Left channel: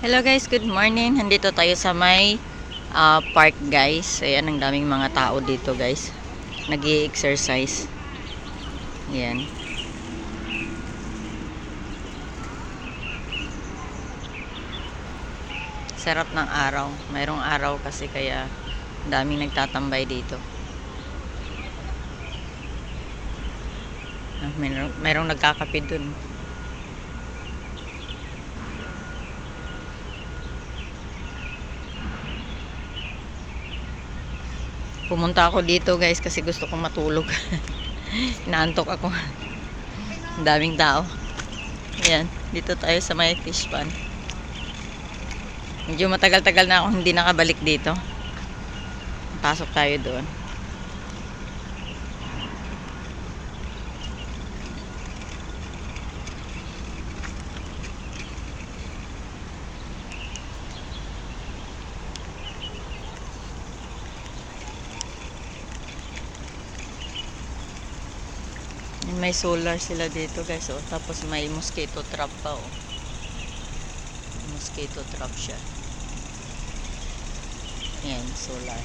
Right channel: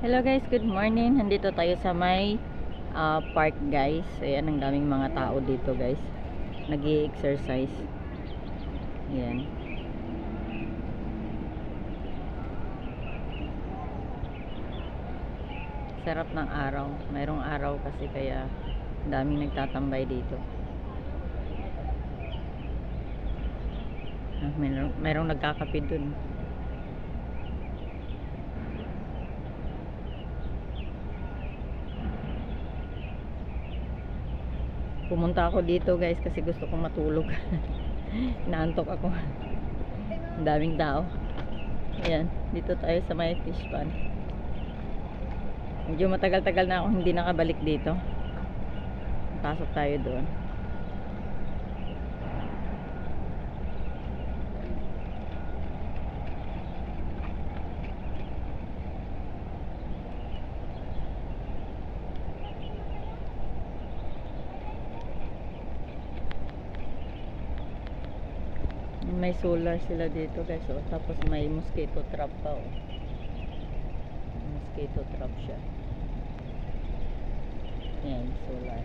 Hello guys, good morning. Nandito tayo sa may park guys. Ayan, ang daming mga tao dito guys. Nag-i-exercise. Ayan. Sarap ng araw. Mayroong araw kasi kaya daming nagtatambay dito. Mayroong nagkakape dun. Pumunta ako dito guys kasi gusto kong matulog. Inaantok ako. Ang daming tao. Ayan, dito tayo sa may fish pond. Medyo matagal-tagal na ako hindi nakabalik dito. Pasok tayo doon. May solar sila dito guys, oh. Tapos may mosquito trap pa, oh. Mosquito trap siya. Ayan, solar.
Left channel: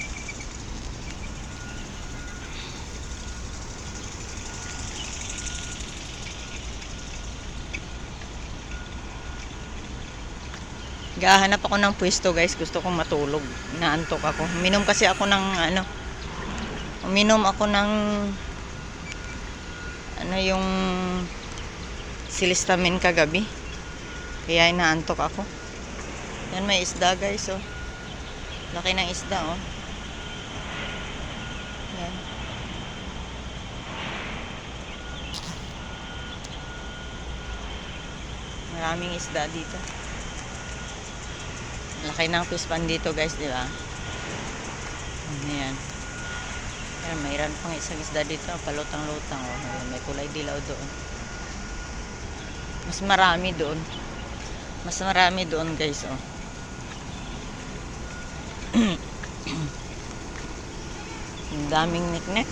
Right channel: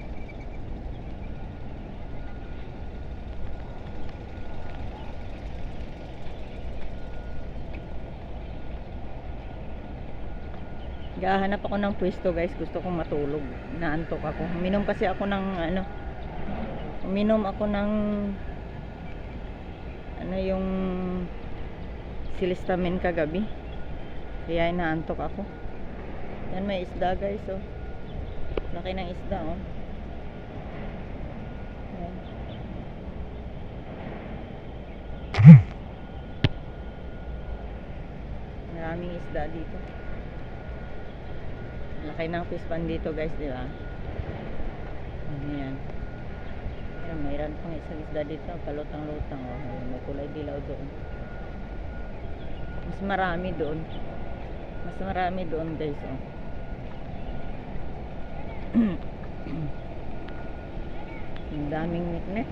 Gahanap ako ng pwesto guys, gusto kong matulog. Inaantok ako. Uminom kasi ako ng uminom ako ng yung Silistamin kagabi. Kaya inaantok ako. Yan, may isda guys, oh. Laki ng isda, oh. Yan. Maraming isda dito. Laki ng fish pond dito guys, di ba? Ayan. Ayan, mayroon pang isang isda dito, palutang-lutang, oh. Ayan, may kulay dilaw doon. Mas marami doon. Mas marami doon guys, oh. Daming nek-nek.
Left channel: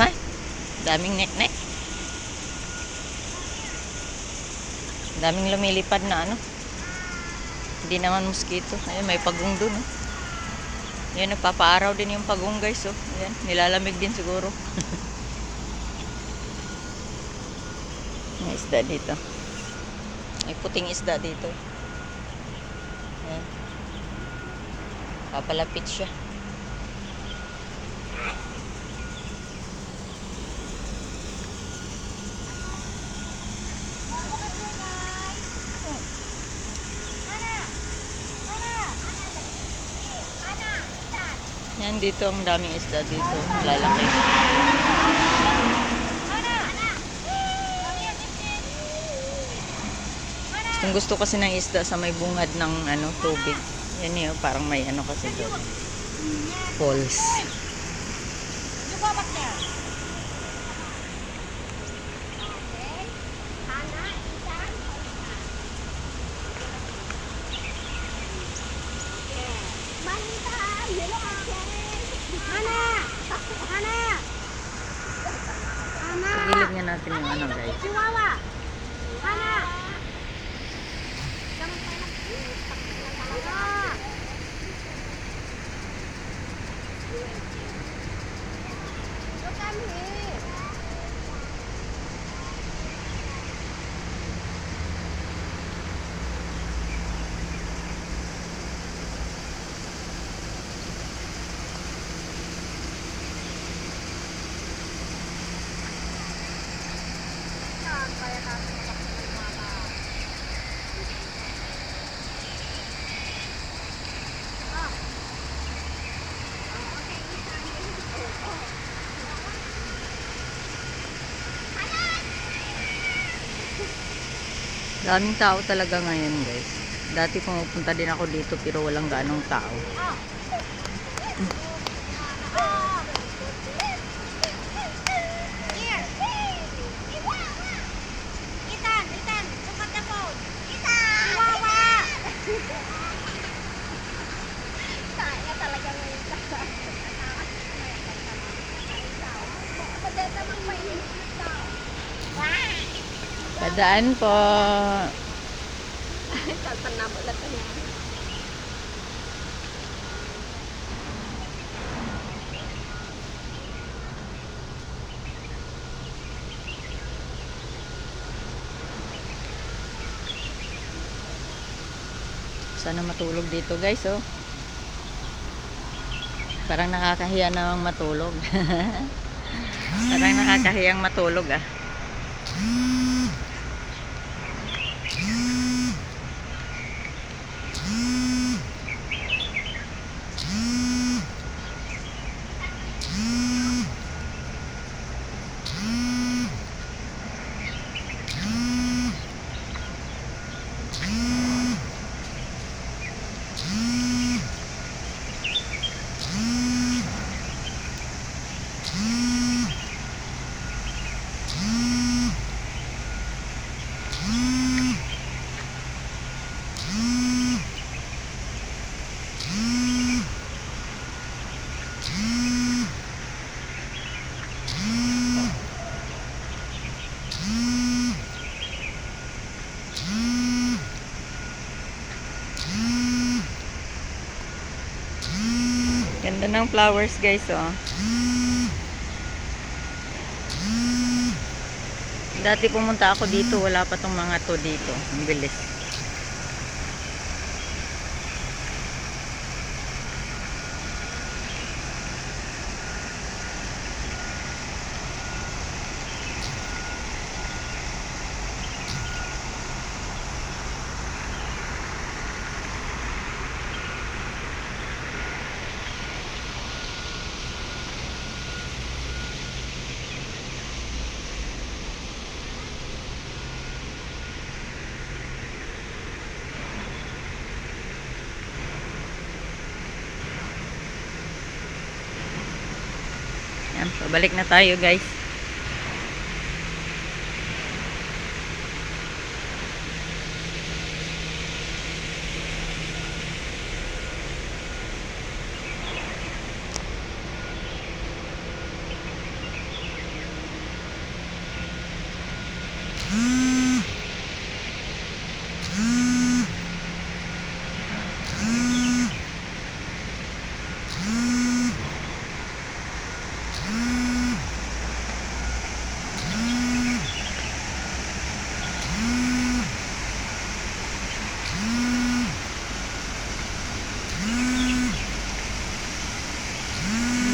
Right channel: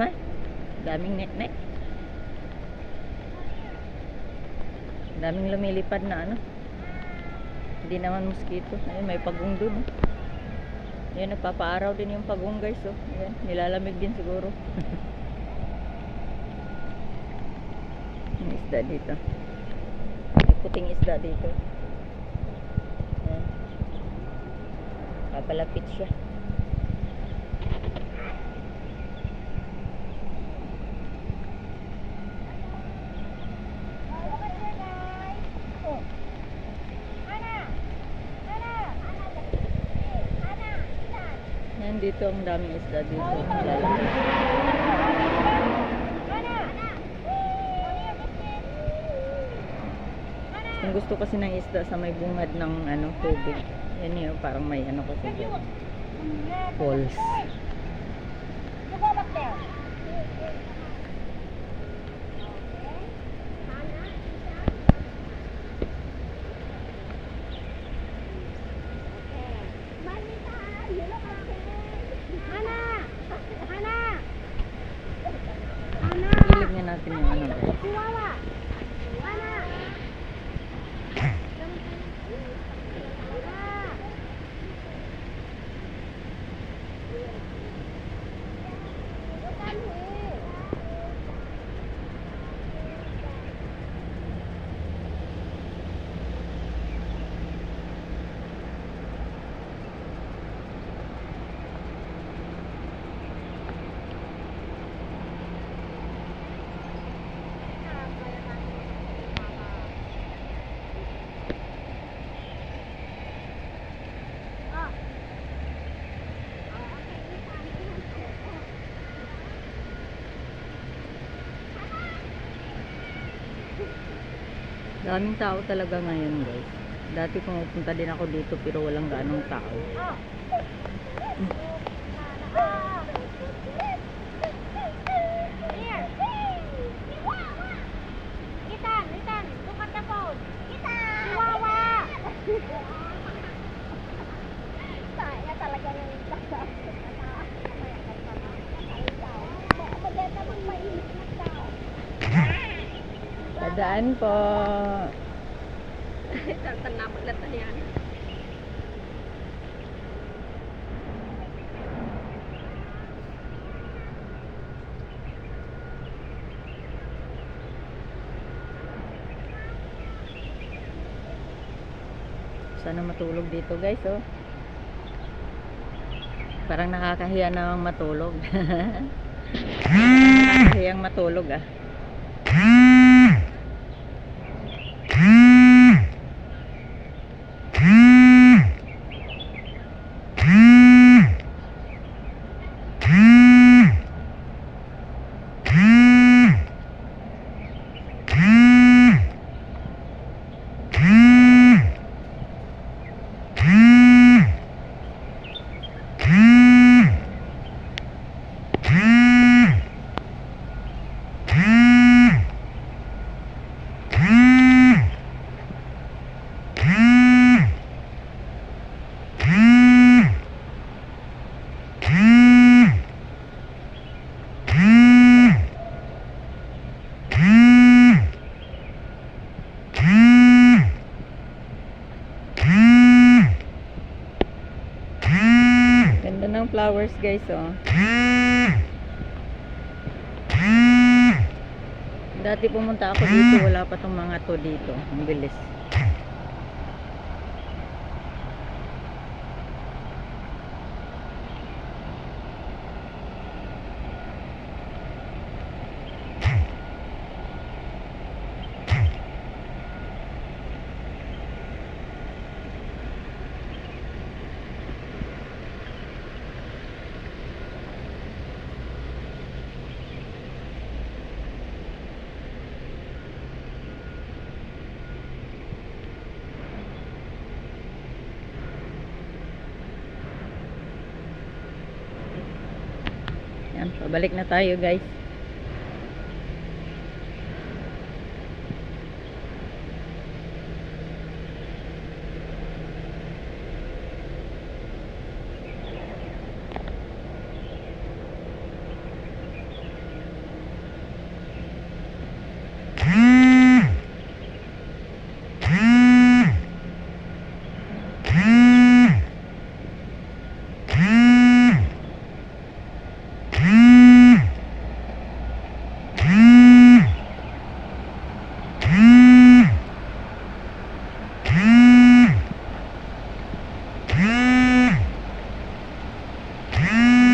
Ha? Daming nek-nek. Daming lumilipad na hindi naman mosquito. Ayun, may pagong doon, oh. Ayan, nagpapaaraw din yung pagong guys, oh. Ayan, nilalamig din siguro. May isda dito. May puting isda dito. Ayan. Papalapit siya. Yan, dito ang daming isda dito. Lalaki. Gusto kasi ng isda sa may bungad ng tubig. Yan yun, parang may kasi doon. Falls. Gilid nga natin yung guys. Daming tao talaga ngayon guys. Dati pumupunta din ako dito pero walang ganong tao. Dadaan po. Sana matulog dito guys, oh. Parang nakakahiya namang matulog. Parang nakakahiyang matulog, ah. Ganda ng flowers guys, oh. Dati pumunta ako dito, wala pa tong mga to dito. Ang bilis. Yan, pabalik na tayo guys.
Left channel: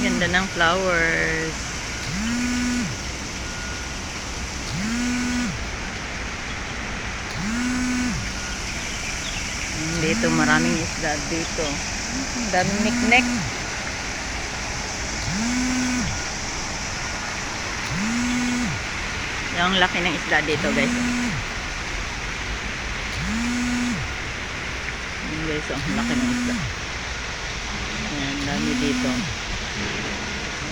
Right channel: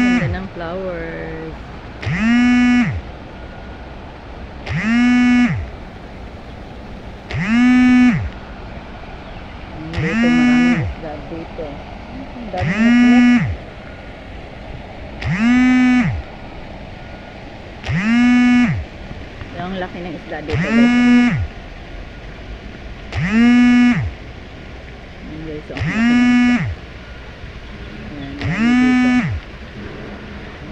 Ganda ng flowers. Dito maraming isda dito. Ang daming miknik. Yung laki ng isda dito guys. Yung guys, ang laki ng isda. Ayan, dami dito.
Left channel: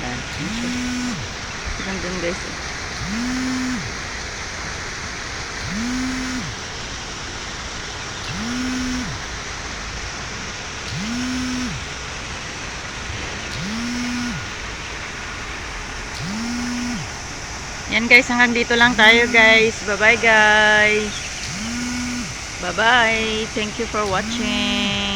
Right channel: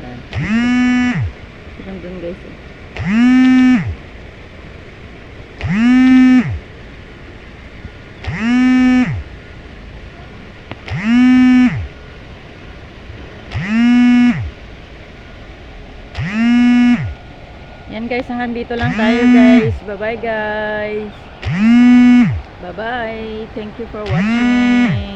Ayan. Gandun guys. Yan guys, hanggang dito lang tayo guys. Bye bye guys. Bye bye. Thank you for watching.